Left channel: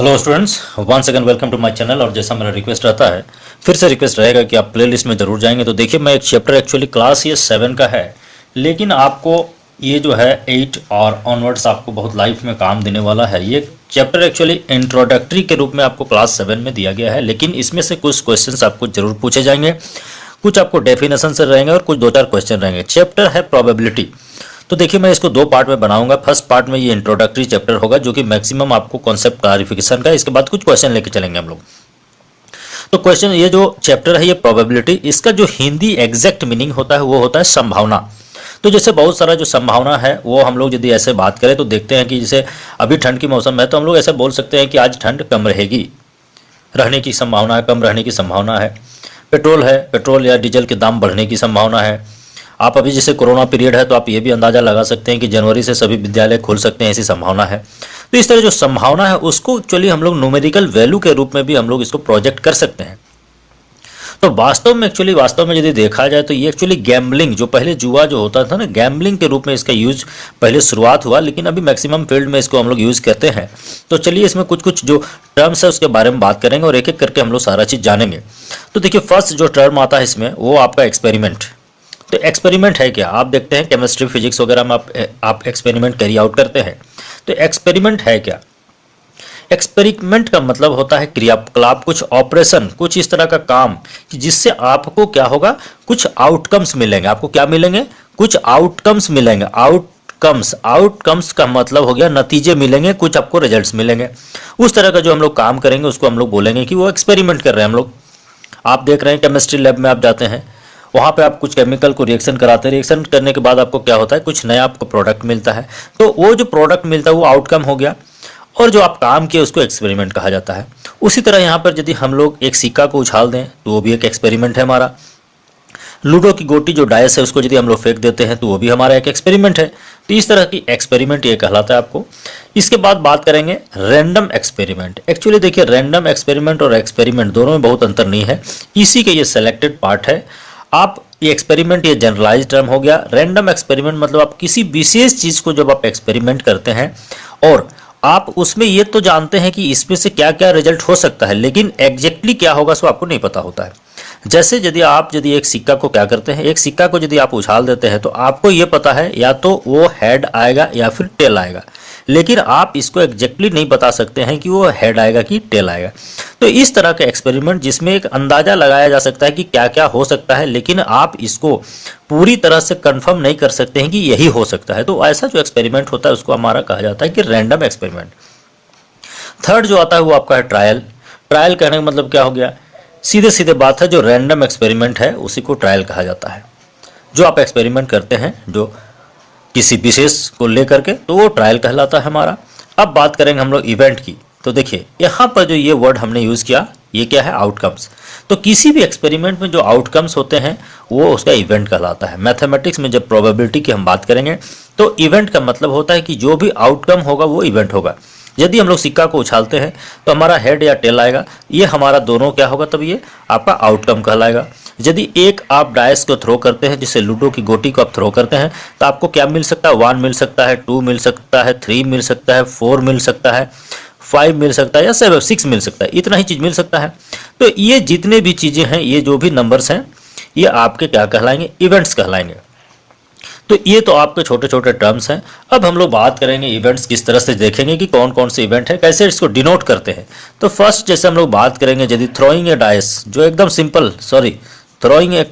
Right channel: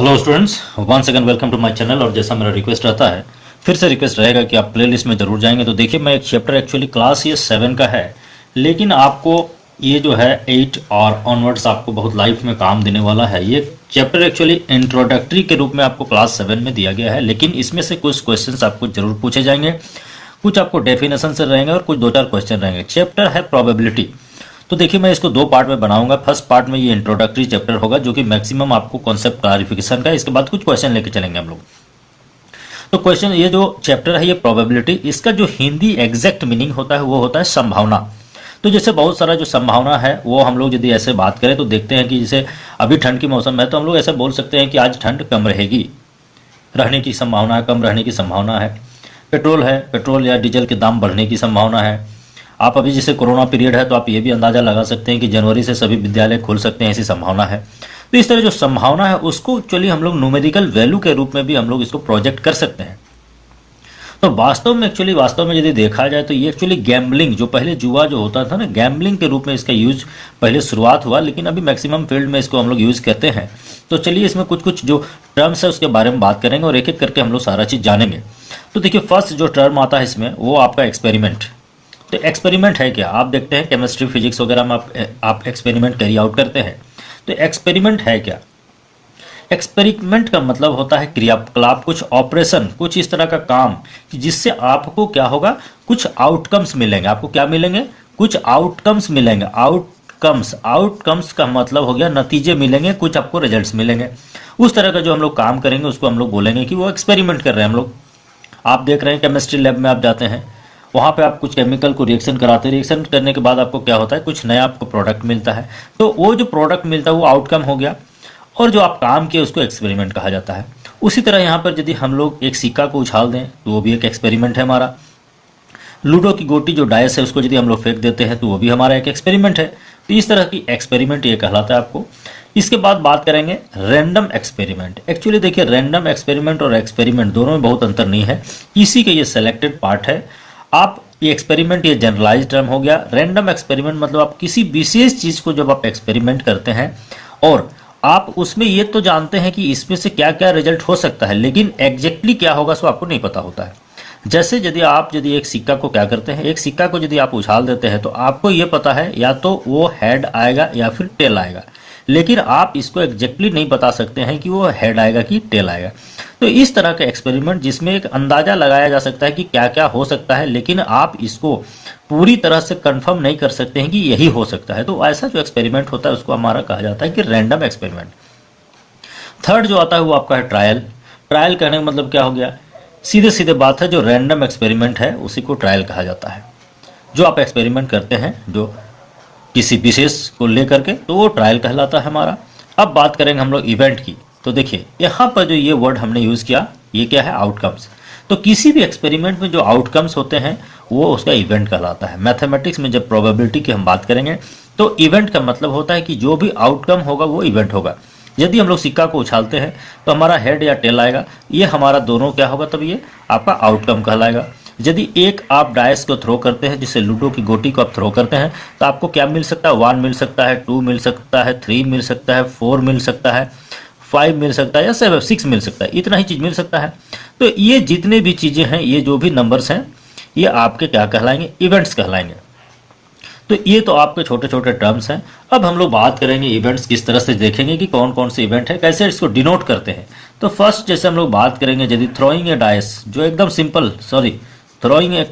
Hello students, once again welcome to my channel. और जैसा मेरा रिक्वेस्ट रहता है, फिर से रिक्वेस्ट रहेगा कि आप प्लेलिस्ट में जरूर जाएंगे। तो देखिए, मैं एक चैप्टर एक्चुअली क्लास ये 7 का है, लेकिन आपको ये जो है 8 और ऑनवर्ड्स आपको बहुत लाइफ में काम देने वाला है। ये चैप्टर एक्चुअली इंट्रोडक्टरी के रूप में आपको क्लास 7 में दिया गया है, लेकिन इसमें से कुछ क्वेश्चंस आपको जरूर पूछे जाएंगे, कुछ आपको डेफिनेशन से रहेंगे और कुछ 2-4 क्वेश्चन रहेंगे। चैप्टर है प्रोबेबिलिटी। तो देखिए, मैं इसको 2 पार्ट में बनाऊंगा। फर्स्ट पार्ट में ये इंट्रोडक्टरी चैप्टर होगा, जो कि मैक्सिमम आपको कॉन्सेप्ट क्लैरिफिकेशन का है। इसके बाद कुछ क्वेश्चन लेके चलेंगे हम लोग। तो क्वेश्चन, ये जो चैप्टर है ये प्रोबेबिलिटी, इसका जो हिंदी एग्जैक्ट मीनिंग होता है वो होता है संभावना। तो जैसे बहुत सारा जो संभावना है वो हम लोग यदि ऐसे बात करें तो देखते हैं कि जैसे अभी ठंड की मौसम है, तो हम लोग ऐसा बोल सकते हैं कि आज ठंड कम रहेगी, रहने की संभावना है, कम रहने की संभावना है। पेट्रोल है, पेट्रोल या डीजल के दाम बढ़ने की संभावना है। आप अभी जैसे कोरोना पीरियड है, तो आप ये भी अंदाजा लगा सकते हैं कि जनवरी से सभी विद्यालय खुल सकते हैं, ऐसी संभावना है। तो इस तरह जो संभावना है उसको एक्चुअली हम लोग न्यूमेरिकल वैल्यू के रूप में भी हम लोग इसको प्रोजेक्ट कर सकते हैं। तो वास्तव में यदि देखा जाए तो ये एक्चुअली गैम्बलिंग, जो पहले जुआ जो होता था ना, गैम्बलिंग के रूप में इसका यूज पहले शुरुआत हुआ, लेकिन अभी मैक्सिमम फील्ड में इसको हम लोग यूज करते हैं। तो चलिए, इसमें कुछ कुछ जो टर्म्स है उसके बारे में बात करेंगे और एक एक करके हम लोग सारा चीज जानेंगे। तो देखिए, फर्स्ट जो टर्म आता है इसमें वो आपका एक्सपेरिमेंट। तो एक्सपेरिमेंट है क्या? आप देखते हैं केमिस्ट्री फिजिक्स वगैरह में आप एक्सपेरिमेंट कैरी आउट करते हैं। तो एक्सपेरिमेंट है क्या? एक्सपेरिमेंट का मतलब होता है क्रियाकलाप, कुछ ऑपरेशन, कुछ इस तरह का काम कि जिससे आपको क्या होगा, कुछ आउटकम्स मिलेंगे। आपको क्या मिलेंगे? कुछ आउटकम्स मिलेंगे। आउटकम्स का मतलब हो गया नतीजे मिलेंगे, कुछ आपको रिजल्ट्स मिलेंगे। उस तरह का जो हम लोग काम करेंगे उसको हम लोग बोलेंगे कि वो एक्सपेरिमेंट कर रहे हैं हम लोग। आप देख रहे हैं केमिस्ट्री लैब में आप जाते हैं, वहाँ पे आप कुछ केमिकल को रिएक्शन कराते हैं, रिएक्शन करने के बाद आपको क्या होता है, कुछ नया आपको प्रोडक्ट मिलता है। तो वो जो प्रोडक्ट मिलता है वो आउटकम हो गया, और जो आप काम किए उसको एक्सपेरिमेंट कहा जाता है। उसी तरह यहाँ पर यदि हम लोग एक सिक्का को उछाल दें तो वो भी एक एक्सपेरिमेंट है हमारा। लूडो की गोटी जो डायस है उसको यदि हम लोग फेंक देते हैं तो वो भी हमारा एक एक्सपेरिमेंट है। तो इस तरह की एक्सपेरिमेंट ये कहलाता है आपको। इसके बाद बात करेंगे रैंडम एक्सपेरिमेंट। एक्चुअली देखिए, रैंडम एक्सपेरिमेंट और एक्सपेरिमेंट दोनों में बहुत अंतर नहीं है, इसी के ये सेलेक्टेड पार्ट है। आप ये एक्सपेरिमेंट, ये जनरलाइज टर्म हो गया। रैंडम एक्सपेरिमेंट मतलब आप किसी विशेष चीज को जब आप एक्सपेरिमेंट करते हैं और आप उसमें ये तो जानते हैं कि इसमें से क्या क्या रिजल्ट हो सकता है, लेकिन एग्जैक्टली क्या होगा सो आपको नहीं पता होता है। जैसे यदि एक सिक्का को क्या करते हैं, एक सिक्का को यदि आप उछाल देते हैं तो आपको ये पता है या तो वो हेड आएगा या फिर टेल आएगा, लेकिन आप इसको एग्जैक्टली नहीं बता सकते हैं कि वो हेड आएगा कि टेल आएगा। तो इस तरह का एक्सपेरिमेंट जिसमें एक अंदाजा लगाया जा सकता है कि क्या क्या हो सकता है, लेकिन आप इसको पूरी तरह से कंफर्म नहीं कर सकते हैं कि यही हो सकता है। तो ऐसा जो एक्सपेरिमेंट होता है उसको हमारा कहा जाता है कि रैंडम एक्सपेरिमेंट। थर्ड जो आता है वो आपका है ट्रायल। ट्रायल कहने का मतलब क्या हो गया, सीधे सीधे बात है, जो रैंडम एक्सपेरिमेंट है उसी को ट्रायल कहा जाता है। जो आप एक्सपेरिमेंट करते हैं जो किसी विशेष को लेकर के, तो वो ट्रायल कहलाता है हमारा। अब बात करेंगे हम लोग इवेंट की। तो देखिए, यहाँ पर जो ये वर्ड हमने यूज किया, ये क्या है, आउटकम्स। तो किसी भी एक्सपेरिमेंट में जो आउटकम्स होते हैं वो उसका इवेंट कहलाता है। मैथमेटिक्स में जब प्रोबेबिलिटी की हम बात करेंगे तो इवेंट का मतलब होता है कि जो भी आउटकम होगा वो इवेंट होगा। यदि हम लोग सिक्का को उछालते हैं तो हमारा हेड या टेल आएगा, ये हमारा दोनों क्या होगा, तब ये आपका आउटकम कहलाएगा। यदि एक आप डायस को थ्रो करते हैं, जिससे लूडो की गोटी को आप थ्रो करते हैं, तो आपको क्या मिल सकता है, 1 मिल सकता है, 2 मिल सकता है, 3 मिल सकता है, 4 मिल सकता है, 5 मिल सकता है या 7 6 मिल सकता है, इतना ही चीज मिल सकता है। तो ये जितने भी चीजें हैं, ये जो भी नंबर्स हैं, ये आपके क्या कहलाएंगे, इवेंट्स कहलाएंगे। तो ये तो आपके छोटे छोटे टर्म्स हैं। अब हम लोग बात करेंगे इवेंट्स किस तरह से, देखेंगे कि कौन कौन से इवेंट है, कैसे इसको डिनोट करते हैं। तो फर्स्ट जैसे हम लोग बात करेंगे, यदि थ्रोइंग ए डाइस, जो एकदम सिंपल, थ्रोइंग ए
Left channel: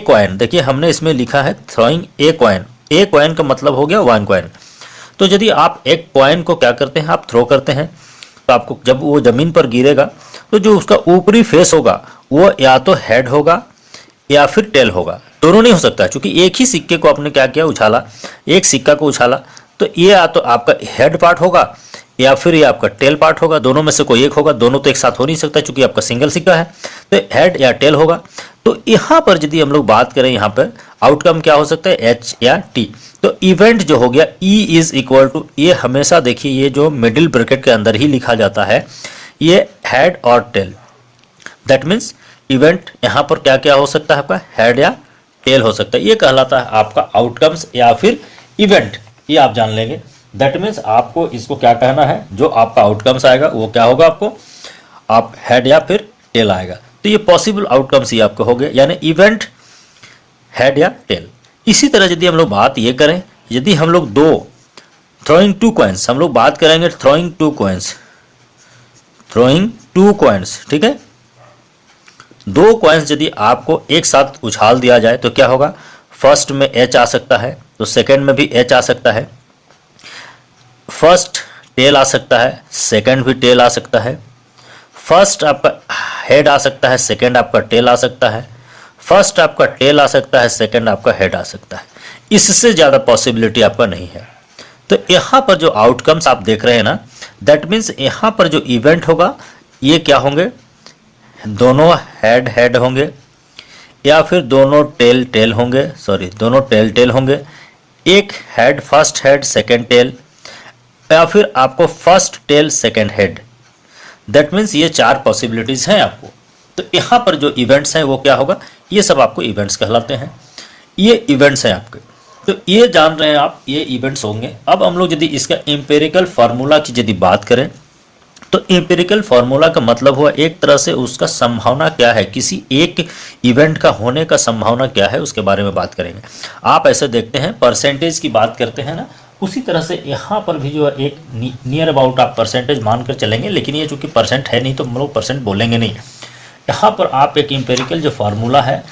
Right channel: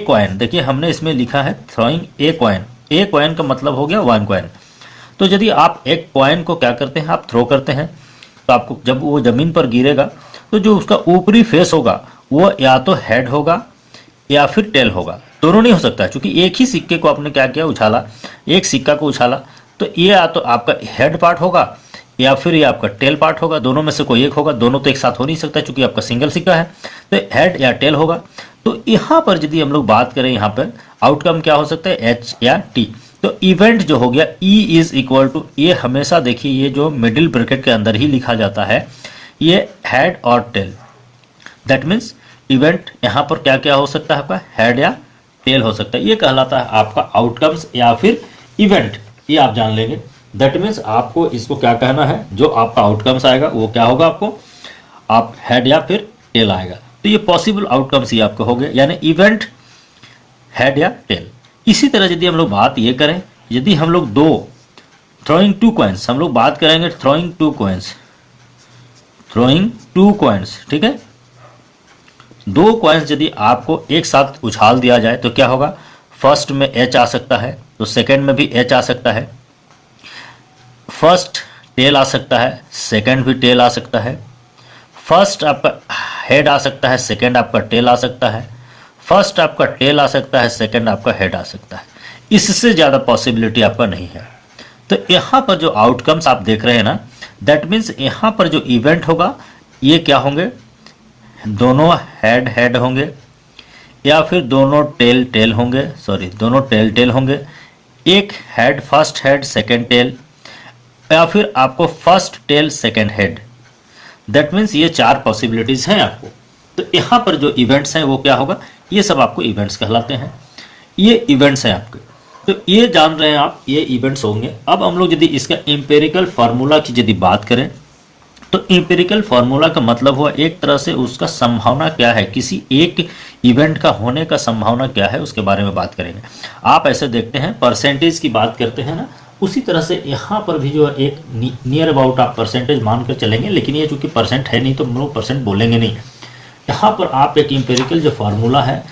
कॉइन। देखिए, हमने इसमें लिखा है throwing a coin. A coin का मतलब हो गया 1 कॉइन। तो यदि आप एक कॉइन को क्या करते हैं, आप थ्रो करते हैं, तो आपको जब वो जमीन पर गिरेगा तो जो उसका ऊपरी फेस होगा वो या तो हेड होगा या फिर टेल होगा, दोनों नहीं हो सकता, क्योंकि एक ही सिक्के को आपने क्या किया, उछाला, एक सिक्का को उछाला, तो ये या तो आपका हेड पार्ट होगा या फिर ये आपका टेल पार्ट होगा, दोनों में से कोई एक होगा। दोनों तो एक साथ हो नहीं सकता क्योंकि आपका सिंगल सिक्का है, तो हेड या टेल होगा। तो यहाँ पर यदि हम लोग बात करें, यहाँ पर आउटकम क्या हो सकता है, एच या टी। तो इवेंट जो हो गया, ई इज इक्वल टू, ये हमेशा देखिए ये जो मिडिल ब्रैकेट के अंदर ही लिखा जाता है, ये हेड और टेल। दैट मीन्स इवेंट यहाँ पर क्या क्या हो सकता है, आपका हेड या टेल हो सकता है। ये कहलाता है आपका आउटकम्स या फिर इवेंट, ये आप जान लेंगे। दैट मीन्स आपको इसको क्या कहना है, जो आपका आउटकम्स आएगा वो क्या होगा, आपको आप हेड या फिर टेल आएगा। तो ये पॉसिबल आउटकम्स ही आपको हो गए, यानी इवेंट हेड या टेल। इसी तरह यदि हम लोग बात ये करें, यदि हम लोग दो थ्रोइंग टू कॉइन्स, हम लोग बात करेंगे throwing two coins, throwing two coins, ठीक है, दो कॉइन्स यदि आपको एक साथ उछाल दिया जाए तो क्या होगा, फर्स्ट में एच आ सकता है तो सेकंड में भी एच आ सकता है, फर्स्ट टेल आ सकता है, सेकंड भी टेल आ सकता है, फर्स्ट आपका हेड आ सकता है, सेकंड आपका टेल आ सकता है, फर्स्ट आपका टेल आ सकता है, सेकंड आपका हेड आ सकता है। इससे ज़्यादा पॉसिबिलिटी आपका नहीं है। तो यहाँ पर जो आउटकम्स आप देख रहे हैं ना, दैट मीन्स यहाँ पर जो इवेंट होगा ये क्या होंगे, दोनों हेड हेड होंगे या फिर दोनों टेल टेल होंगे, सॉरी दोनों टेल टेल होंगे, एक head first head second tail, या फिर आपको first tail second head. That means ये चार पॉसिबिलिटीज हैं आपको। तो यहाँ पर जो इवेंट्स हैं वो क्या होगा, ये सब आपको इवेंट्स कहलाते हैं, ये इवेंट्स हैं आपके। तो ये जान रहे हैं आप, ये इवेंट्स होंगे। अब हम लोग यदि इसका एम्पेरिकल फार्मूला की यदि बात करें तो एम्पिरिकल फार्मूला का मतलब हुआ एक तरह से उसका संभावना क्या है, किसी एक इवेंट का होने का संभावना क्या है उसके बारे में बात करेंगे। आप ऐसे देखते हैं परसेंटेज की बात करते हैं ना, उसी तरह से यहाँ पर भी जो है एक नियर अबाउट आप परसेंटेज मानकर चलेंगे, लेकिन ये चूंकि परसेंट है नहीं तो हम लोग परसेंट बोलेंगे नहीं। यहाँ पर आप एक एम्पेरिकल जो फार्मूला है,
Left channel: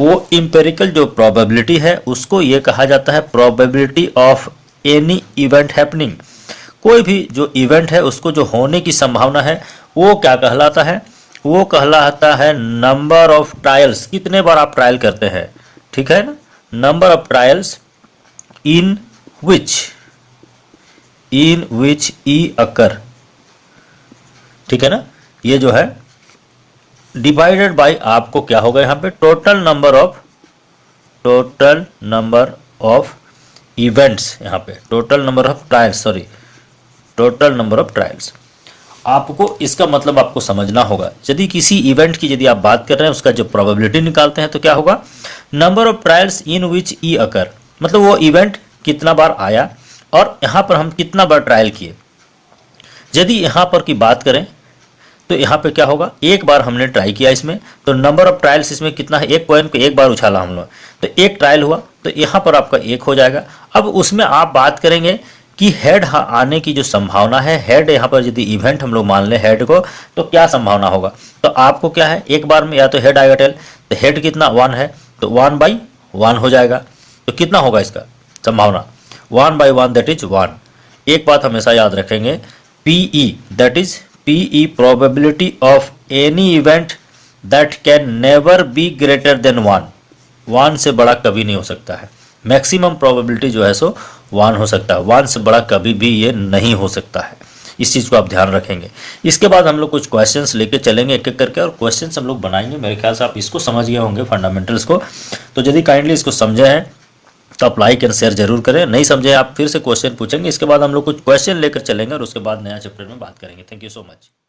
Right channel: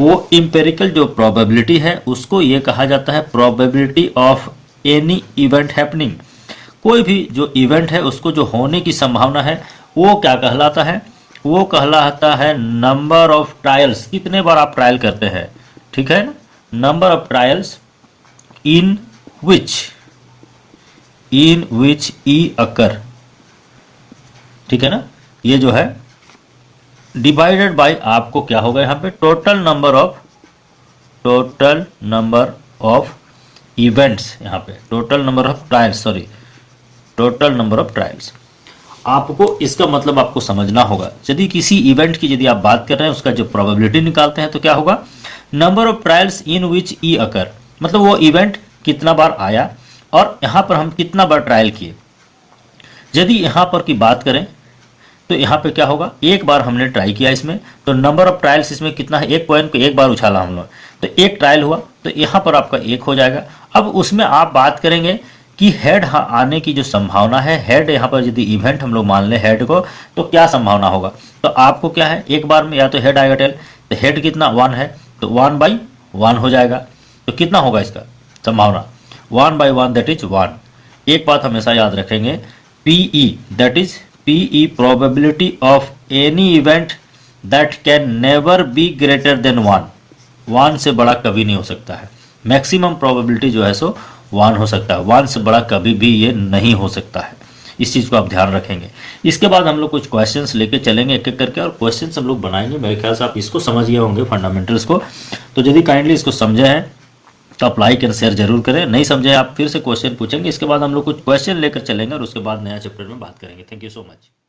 वो एम्पेरिकल जो प्रोबेबिलिटी है उसको ये कहा जाता है probability of any event happening. कोई भी जो इवेंट है उसको जो होने की संभावना है वो क्या कहलाता है, वो कहलाता है नंबर ऑफ ट्रायल्स, कितने बार आप ट्रायल करते हैं, ठीक है ना, नंबर ऑफ ट्रायल्स इन विच ई अकर, ठीक है ना, ये जो है डिवाइडेड बाय आपको क्या होगा यहाँ पे टोटल नंबर ऑफ इवेंट्स, यहाँ पे total number of trials, sorry total number of trials. आपको इसका मतलब आपको समझना होगा, यदि किसी इवेंट की यदि आप बात कर रहे हैं उसका जो प्रोबेबिलिटी निकालते हैं तो क्या होगा, नंबर ऑफ ट्रायल्स इन विच ई अकर, मतलब वो इवेंट कितना बार आया और यहाँ पर हम कितना बार ट्रायल किए। यदि यहाँ पर की बात करें तो यहाँ पे क्या होगा, एक बार हमने ट्राई किया इसमें, तो नंबर ऑफ ट्रायल्स इसमें कितना है, एक कॉइन को एक बार उछाला हम लोग, तो एक ट्रायल हुआ, तो यहाँ पर आपका एक हो जाएगा। अब उसमें आप बात करेंगे कि हेड आने की जो संभावना है, हेड यहाँ पर यदि इवेंट हम लोग मान ले हेड को, तो क्या संभावना होगा, तो आपको क्या है, एक बार में या तो हेड आएगा टेल, तो हेड कितना 1 है तो 1/1 हो जाएगा। तो कितना होगा इसका संभावना, 1/1 दैट इज 1। एक बात हमेशा याद रखेंगे, PE that is PE probability of any event that can never be greater than 1 से बड़ा कभी नहीं हो सकता है। मैक्सिमम प्रोबेबिलिटी जो है सो 1 हो सकता है, 1 से बड़ा कभी भी ये नहीं हो सकता है। इस चीज़ को आप ध्यान रखेंगे। इसके बाद हम लोग कुछ क्वेश्चंस लेके चलेंगे एक एक करके, और क्वेश्चंस हम लोग बनाएंगे। मेरे ख्याल से आप इसको समझ गए होंगे फंडामेंटल्स को। तो यदि काइंडली इसको समझे हैं तो आप लाइक एंड शेयर जरूर करें, नहीं समझे आप फिर से क्वेश्चन पूछेंगे। इसके बाद हम लोग कुछ क्वेश्चन लेकर चलेंगे और उसके बाद नया चैप्टर में बात करेंगे। Thank you so much.